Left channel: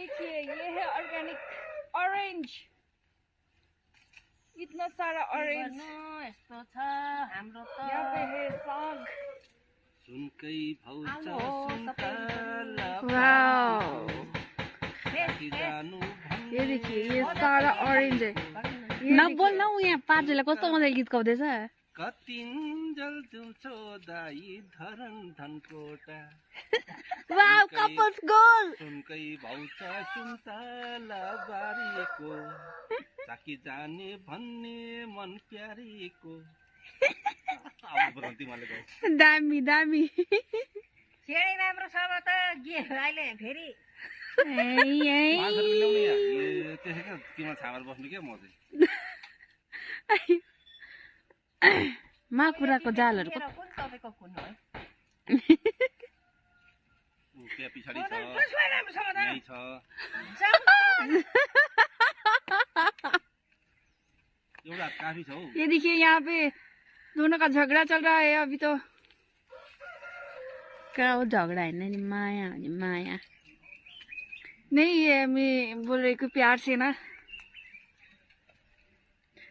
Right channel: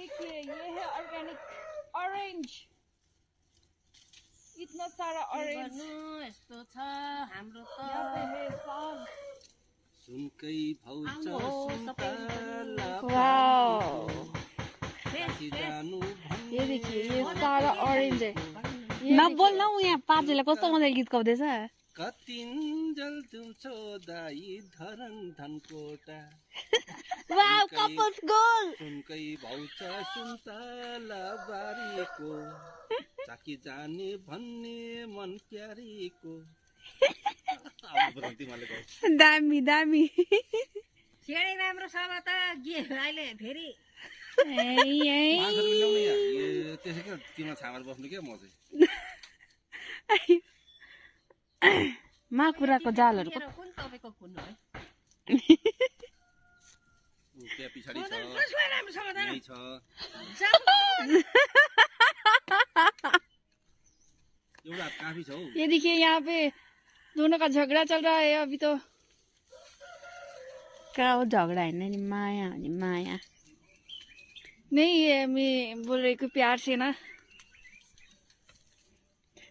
देखिए ये है ऑर्गेनिक ऑरेंज, इतना सारा ऑरेंज। यहाँ पे है साग। ये देखिए ये सारा ऑरेंज है। नबोल न उ यहाँ पाँचले कस्तो मजाले गीत गाउँदैछ। कतिन्जल तुमको दाई धरन धनकोटा वाउ कपल्स गोल। सुनकै भाउचा सुन्तला बारीको चाकी जाने भन्ने मन प्यारीको। दामी दामी। सेडै राम्रो छ त के अहिले फेरि त्यसैको तिम्रो छामर बस्नु के म चाहिँ माकुराको जालहरु कुन तपाईको कुन हो त्यहाँ पछाडि छ यही छ। एउटा काफी छ हौ। ये देखिए यहाँ पे दोनों का झगड़ा चल रहा है अभी तो। क्या वो झगड़ा है नहीं, माया माया नहीं, ये मैं बोल रही हूँ प्यार से ना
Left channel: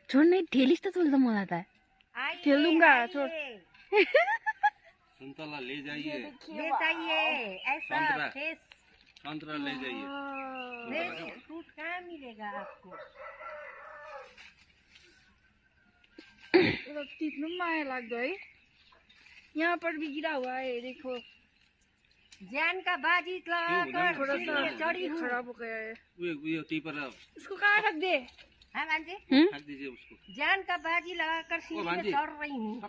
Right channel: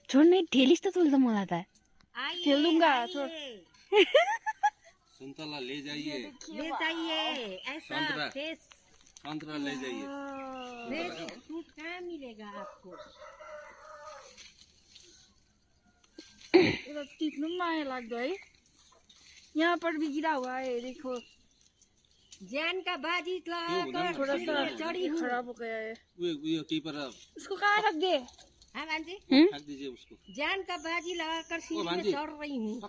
छोड़। नहीं ठेलिस तो तुल तो मोला था खेल दूंगा छोड़। संतरा ले जाइए, ले जाइए ऐसा फ्रेश संतरा ले जाइए। फ्रेश फ्रूट कहाँ मिलेगा आपको। टिप्नु पनि माया लाग्दो है। यहाँ पर भी गिरा हुआ है देखो। जान का बाजी लगाकर थोड़ा सा चढ़ी हूँ। खराब हो गया है। वो टीपर इसको कहाँ रख दे। हाँ भांजी रख दीजिए उसको। जान का बाजी लगाकर सीढ़ी में चढ़ रही हूँ।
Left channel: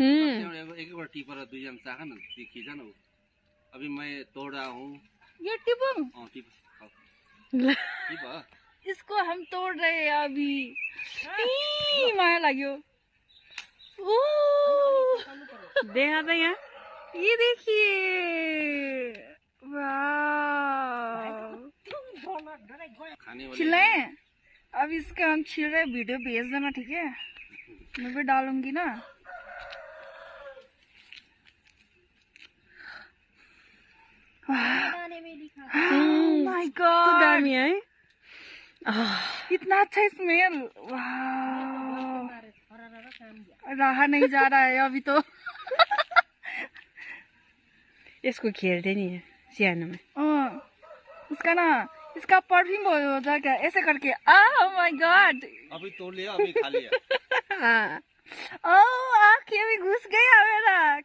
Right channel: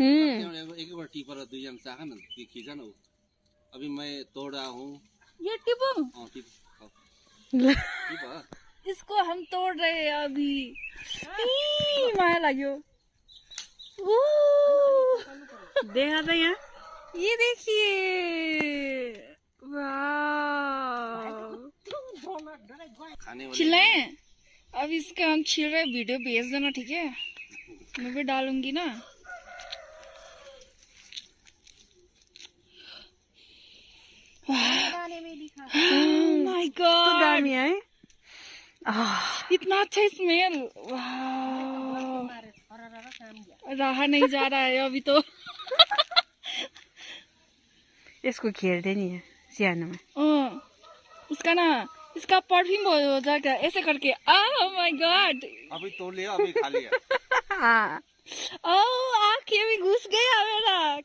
एक बार टीपर दुईजना चाह न खींचा न। अभी मैं तोड़ा हूँ ये टिपुम इसको हम तोड़ रहे हैं अभी। माया लाग्यो। देखा था यहाँ, ये देखिए छिले। अब इसका हम छिल रहे, वीडियो भेज देना ठीक है, मैं भी डालूंगी ना। माय गॉड इतना अच्छा स्मेल। रहा नहीं जा रहा है अभी तो। इसको खेलते नहीं है सियाना में। इसका ना इसका परफ्यूम हो जाता है ऐसे करके। माय गॉड अभी तोड़ लिया अभी खा लिया। आँखें भी घुस गया मेरा।